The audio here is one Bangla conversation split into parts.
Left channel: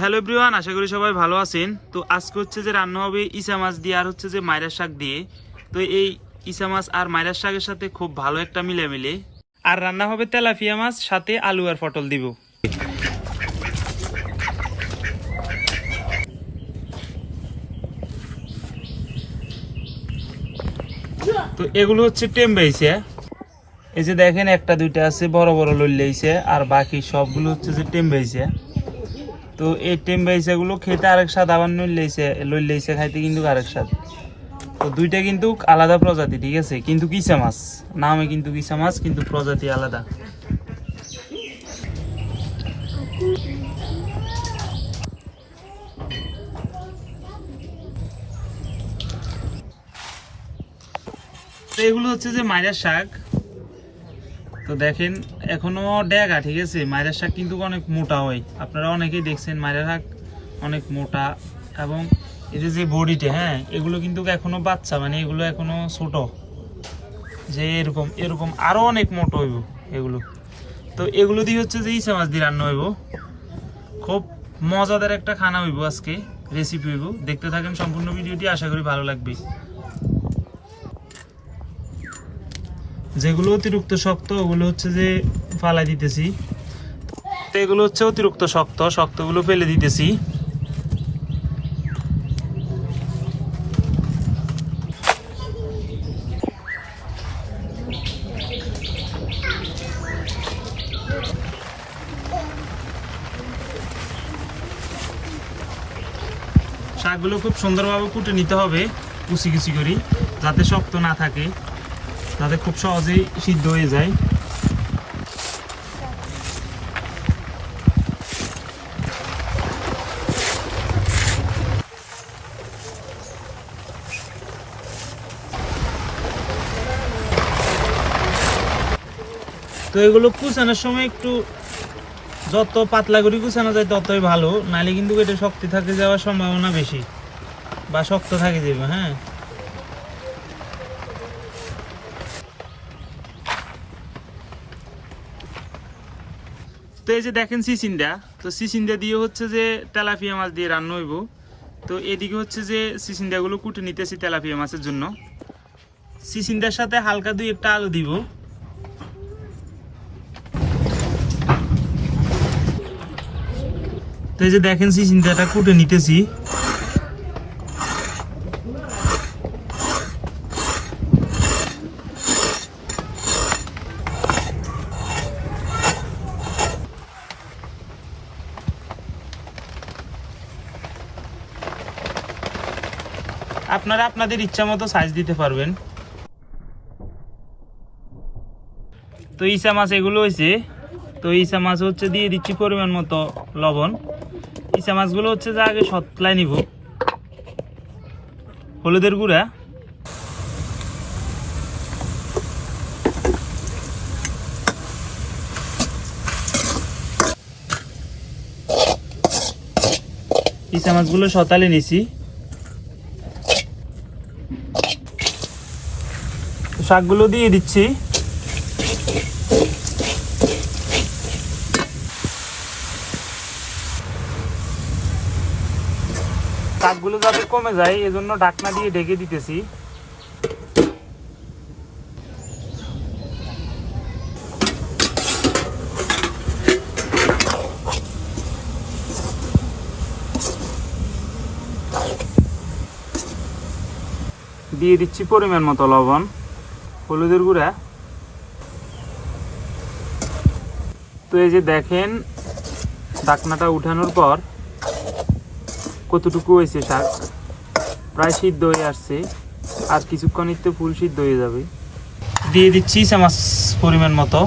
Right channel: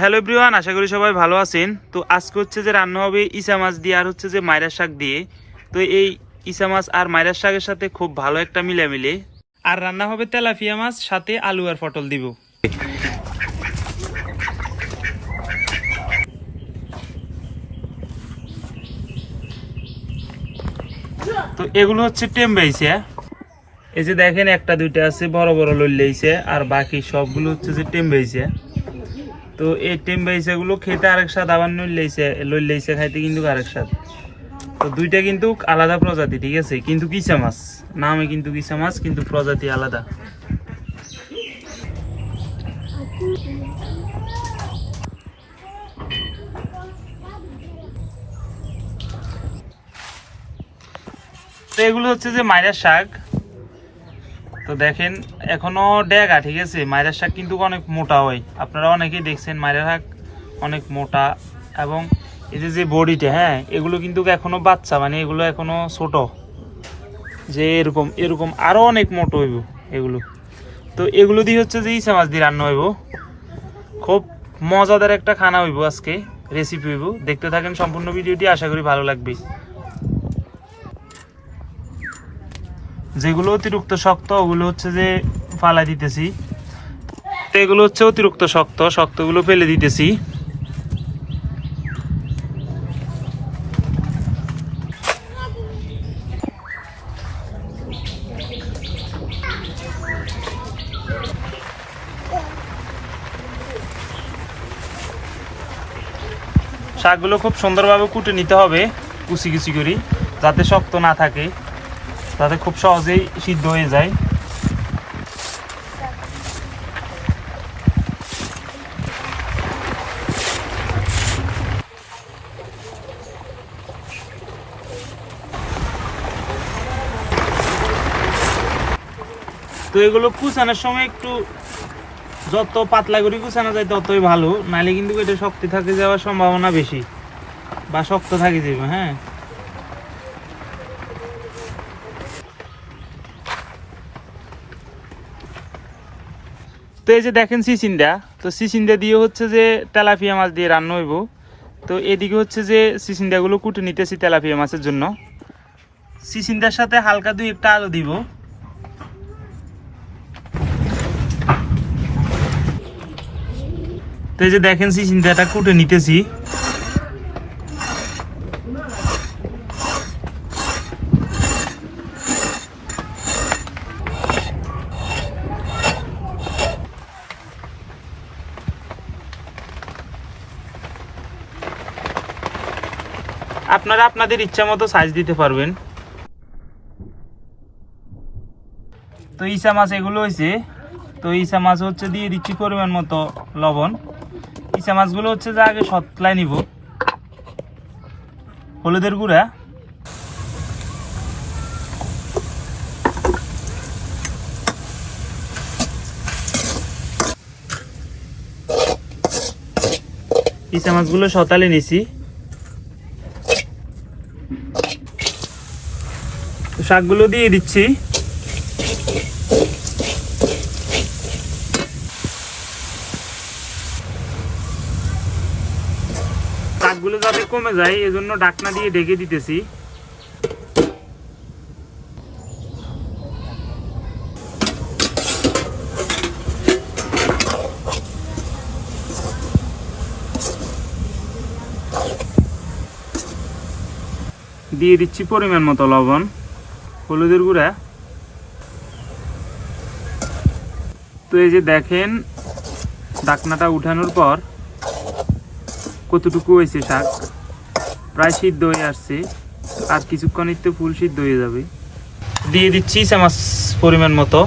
হ্যালো এভরিওয়ান, আশা করি সবাই ভালো আছেন। তো আজকে হচ্ছে যে রান্না হবে ইসা মাছ দিয়ে আর হচ্ছে যে মাইরা শাক দিয়ে। তো এই ইসা মাছ আর মাইরা শাকের সাথে খুব ভালো একটা মিলে আর রান্না হবে তেলাপিয়া মাছ, সাথে আলু আর পটল দিব। তো এগুলো হচ্ছে টেম্বাইছে, এই যে দেখেন একটা দুইটা আছে বড় বড় লইলেইছে, আর বাকি সবগুলো হচ্ছে যে টেম্বাইছে। তো এই টেম্বাইছে গুলো খেতে আরেক স্বাদ, আবার লইলেইছে খাইতে কিন্তু আরেক স্বাদ। তো দুইটা কিন্তু আলাদা প্রজাতি, ঠিক আছে, কিন্তু কিসা মাছ নামে কিন্তু কিসা মাছ, কিন্তু প্রজাতি আলাদা। তো এগুলো হচ্ছে যে মাইরা শাক। তো দেখেন এখনো ডেগা, ঠিক আছে। মাইরা শাক কিন্তু অনেক মোটা হয়, আপনারা অনেকেই দেখছেন মাইরা শাক অনেক মোটা। এবং এই যে বডিটা, হ্যাঁ, এগুলো কিন্তু এখনো বাচ্চা, মানে এগুলো এখনো ছোট, যে এরকম এরকম আরো অনেক মোটো হইব এগুলো। তো এগুলো দিয়ে হচ্ছে যে ইসা মাছ দিয়ে রান্না হইব। খুব মজাদার একটা খানা হইব, আজকে রেসিপি হইব। দেখতে থাকেন সম্পূর্ণ ভিডিওটি, আশা করি ভালো লাগবে। যেগুলো অতিরিক্ত শক্ত ওগুলো হচ্ছে যে ফালাই দিতেছি। তো এগুলো হচ্ছে অতিরিক্ত শক্তগুলো ফেলে দিতেছি। শাকগুলো খুব সুন্দরভাবে কুটে নিতে হবে, কুচি কুচি করি, যাতে শক্ত না থাকে, যাতে খুব সহজেই সিদ্ধ হয়ে যায়। তো এগুলো কুচানোর সময় একটু যত পাতলা করে কুচানো যায় ততই ভালো, নাহলে কিন্তু এটা শক্তি থাকে যাওয়ার সম্ভাবনা বেশি, বা শক্ত থাকে যাবে। হ্যাঁ, তো এই যে দেখেন সিসিন্দা, তো সিসিন্দা দিয়ে হচ্ছে যে তেলাপিয়া মাছ দিয়ে রান্না হইব। তো এদিকে হচ্ছে যে সিসিন্দাগুলো কুটে নিতেছি তেলাপিয়া মাছের জন্য। সিসিন্দার সাথে হালকা দুই একটা আলু দিব। তো এই যে দেখেন সিসিন্দাটা কুটে নিতেছি। আপনারা আপনাদের ইচ্ছা মতো সাইজ দিতে পারবেন। তো ইসা মাছ এগুলো হয়েছে। তো ইসা মাছ হচ্ছে দিয়ে দিচ্ছি পরিমাণ মতো লবণ। ইসা মাছগুলো হচ্ছে যে আগে সতলাই নিব। হলুদের গুঁড়া, ইসা মাছগুলো সতালে নিছি। শাকগুলো দিয়ে দিচ্ছি। শাকগুলো যাতে কমে যায় এজন্য ঢাকনা দিয়ে ঢেকে দিতেছি। দিয়ে দিচ্ছি পরিমাণ মতো লবণ, হলুদের গুঁড়া। তো এই যে দেখেন ঢাকনাটা উঠানোর পর কতটুকু হয়েছে, শাক প্রায় সিদ্ধ হয়ে আসছে, আর কিছুক্ষণই তো ফুল সিদ্ধ হয়ে যাবে। দিয়ে দিচ্ছি ইসা মাছ পরিমাণ মতো।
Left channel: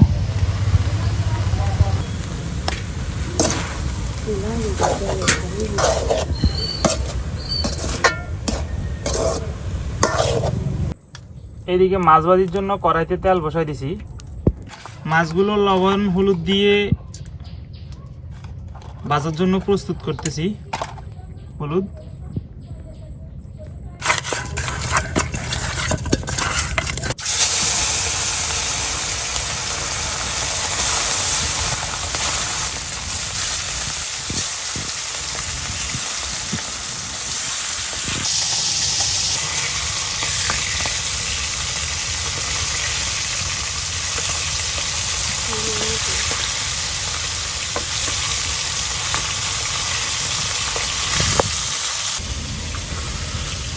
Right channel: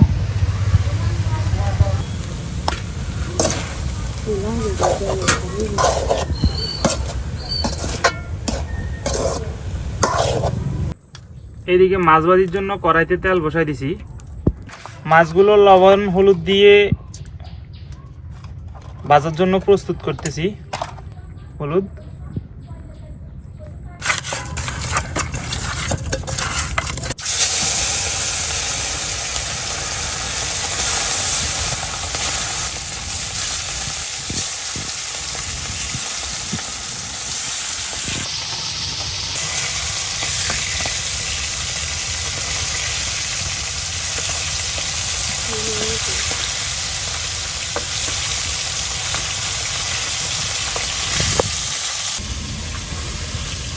এদিকে মাছ ভাজির জন্য কড়াইতে তেল বসাই দিছি। মাছগুলো লবণ হলুদ দিয়ে ভাজার জন্য প্রস্তুত করতেছি। হলুদ,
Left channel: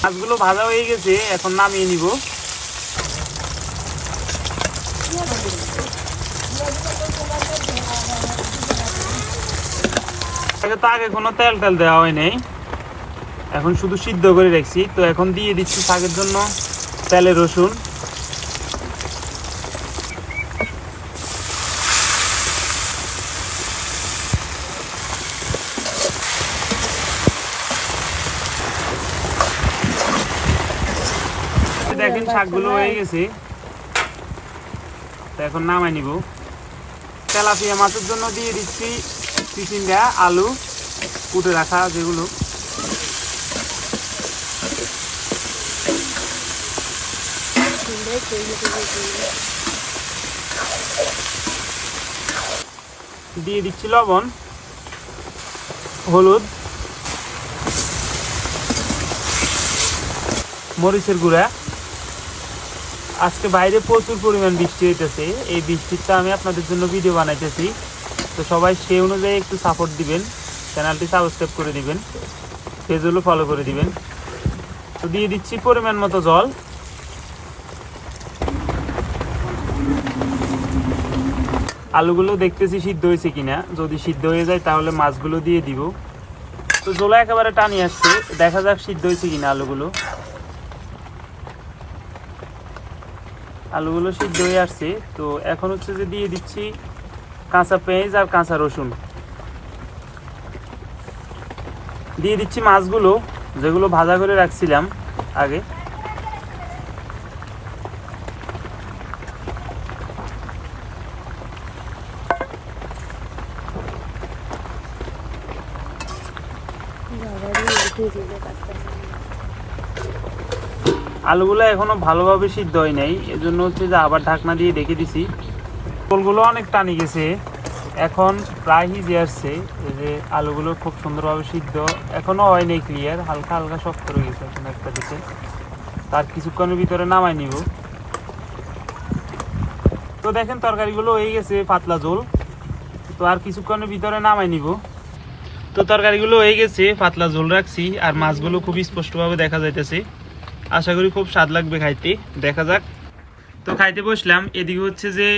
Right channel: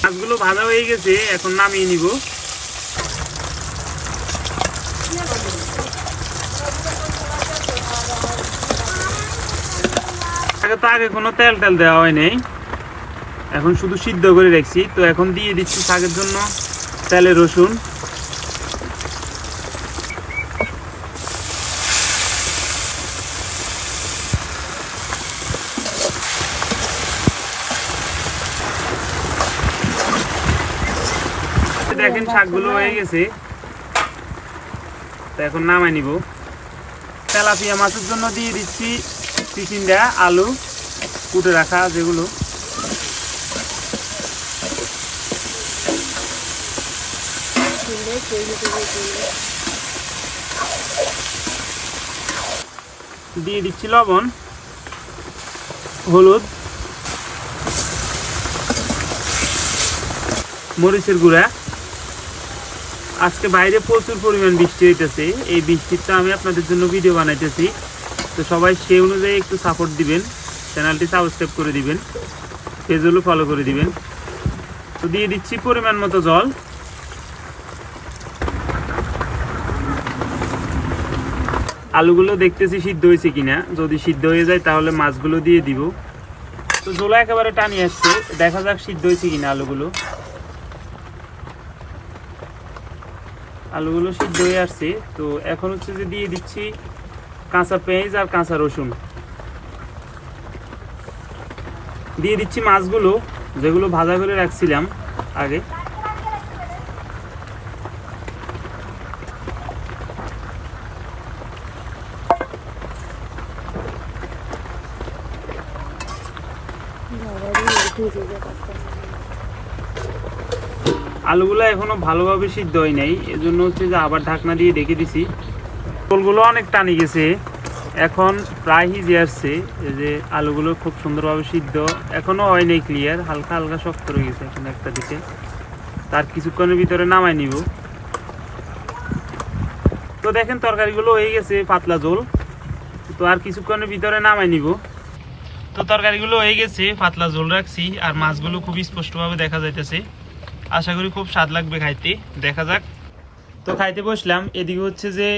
মাছগুলো ভাজা হয়ে গেছে, এখন নামিয়ে নিব। আগে কোনো তেল দেওয়া হয়নি, এখন শুধু সিদ্ধ করে রাখছি। তো এখন দিয়ে দিচ্ছি শাকের জন্য তেলে রসুন, দেখেন শাকগুলো হয়ে গেছে। তো এখন নামাই নিব। তেলাপিয়া মাছের জন্য দিয়ে দিচ্ছি চিচিঙ্গা, আলু কুটে রাখা যেগুলো, দিয়ে দিচ্ছি লবণ, হলুদ, মরিচের গুঁড়া। আজকে বাইরে প্রচুর পরিমাণ বৃষ্টি হইতেছে, এই বৃষ্টিটা আমি আপনাদের জন্য ভিডিও বানাইতেছি। তো সবাই সেই অনুযায়ী একটু সাপোর্ট দিবেন, চ্যানেলটি সাবস্ক্রাইব করে দিবেন, পেজগুলো ফলো করে দিবেন। তো দিয়ে দিচ্ছি পরিমাণ মতো জল। আলুগুলো দেখতেছি সিদ্ধ হয়েছে কিনা, যদি সিদ্ধ হয়ে যায় তাহলে মাছগুলো দিয়ে দিব। তো জল একেবারে টানি আসছে, দেখা যাক সিদ্ধ হয়েছে কিনা আলুগুলো। আলুগুলো সিদ্ধ হয়ে আসছে। তো এখন হচ্ছে যে দিয়ে দিচ্ছি কাঁচা পেঁয়াজ আর কাঁচা রসুন, দিয়ে দিচ্ছি মাছগুলো যেগুলো ভাজা করে রাখছিলাম আগে। আলুগুলো এখনো ভালোভাবে সিদ্ধ হয় নাই, এজন্য হচ্ছে যে আবার ঢাকনা দিয়ে ঢেকে দিছি। ঝোলগুলো অনেক টানি গেছে, এখন প্রায় হিজে আসছে। এই যে আলুগুলো খুব সুন্দরভাবে সিদ্ধ এখনো হয় নাই ক্লিয়ার, হালকা হালকা শক্ত রয়ে গেছে এখন একটা দিকে। তার কিছুক্ষণের ভিতরে নামাই নিব। তো দেখেন তরকারিগুলো হয়ে গেছে পাতলা ঝোল। তো আর কিছুক্ষণের ভিতরে নামাই নিব। তো তরকারিগুলো হয়ে গেছে, পাতলা ঝোল রাখছি, আর মাছগুলো খুব স্পষ্টভাবে দেখা যাইতেছে। আশা করি খুব স্বাদ লাগবে খাইতে, দেখা যাক। তো খাইতে বসলাম। এদিকে হচ্ছে যে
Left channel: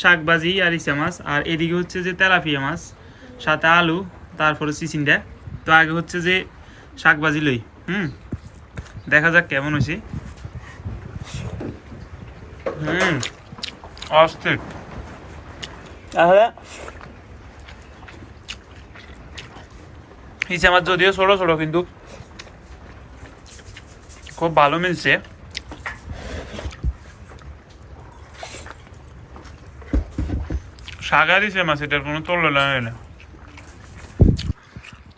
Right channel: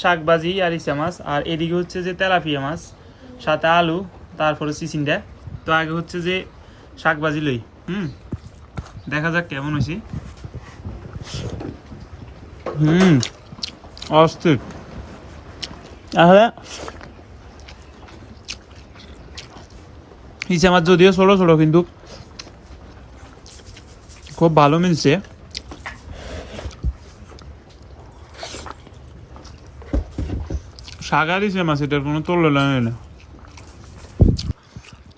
শাক ভাজি আর ইচা মাছ, আর এদিকে হচ্ছে যে তেলাপিয়া মাছ, সাথে আলু, তারপরে চিচিঙ্গা। তো আগে হচ্ছে যে শাক ভাজি লই, দেখা যাক কেমন হয়েছে। অস্থির। ইচা মাছ যদিও ছোট ছোট, কিন্তু খুব ভালো মিলছে। শাক আর ইচা মাছ, এটার কোনো তোলনা নেই।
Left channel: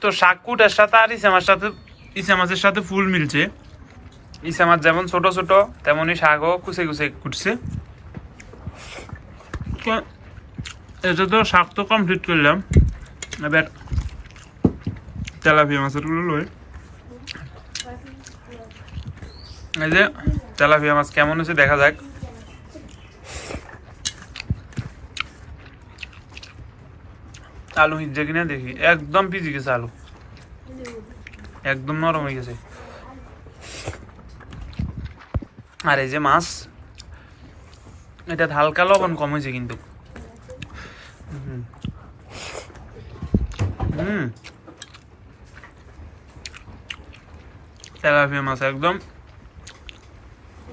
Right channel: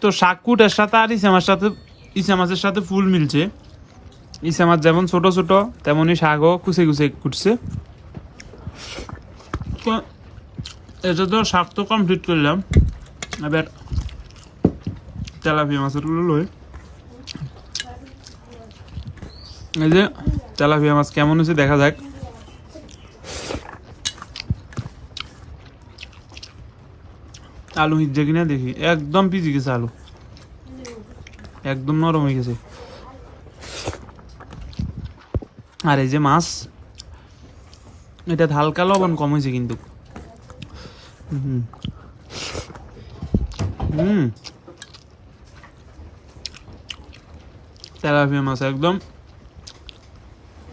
তো শাক কুটার সাথে আর ইচা মাছের সাথে ফুল মিলছে। ইচা মাছ যেমন ছোট ছোট, তেমনই শাকও কুচে কুচে কুটছে। তো এটা তো শাক তো কমপ্লিট করলাম, এবার তেলাপিয়া মাছের গুলো লই। এই যে তেলাপিয়া মাছ কেমন হয়েছে দেখা যাক। আলু হিজছে কিনা দেখি, একদম পিজি গেছে আলু, একদম নরম হয়ে গেছে। আর এই যে মাছ, এটা হালকা লবণ কম হয়েছে কিন্তু। তেলাপিয়া মাছ একদম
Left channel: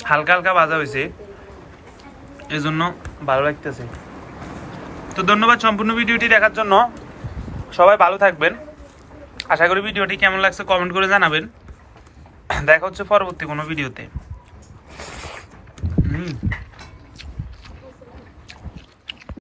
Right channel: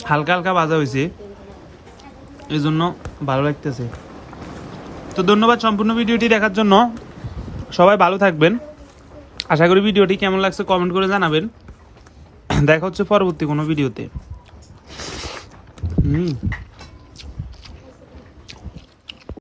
হালকা হালকা ভাজা হয়েছে, এজন্য ভালো লাগতেছে। তো ধন্যবাদ সম্পূর্ণ ভিডিওটি দেখার জন্য। সবাই ভালো থাকবেন। আশা করি ভিডিওটি কেমন লাগছে কমেন্ট করে জানাবেন। দেখা হচ্ছে পরবর্তী কোনো ভিডিওতে।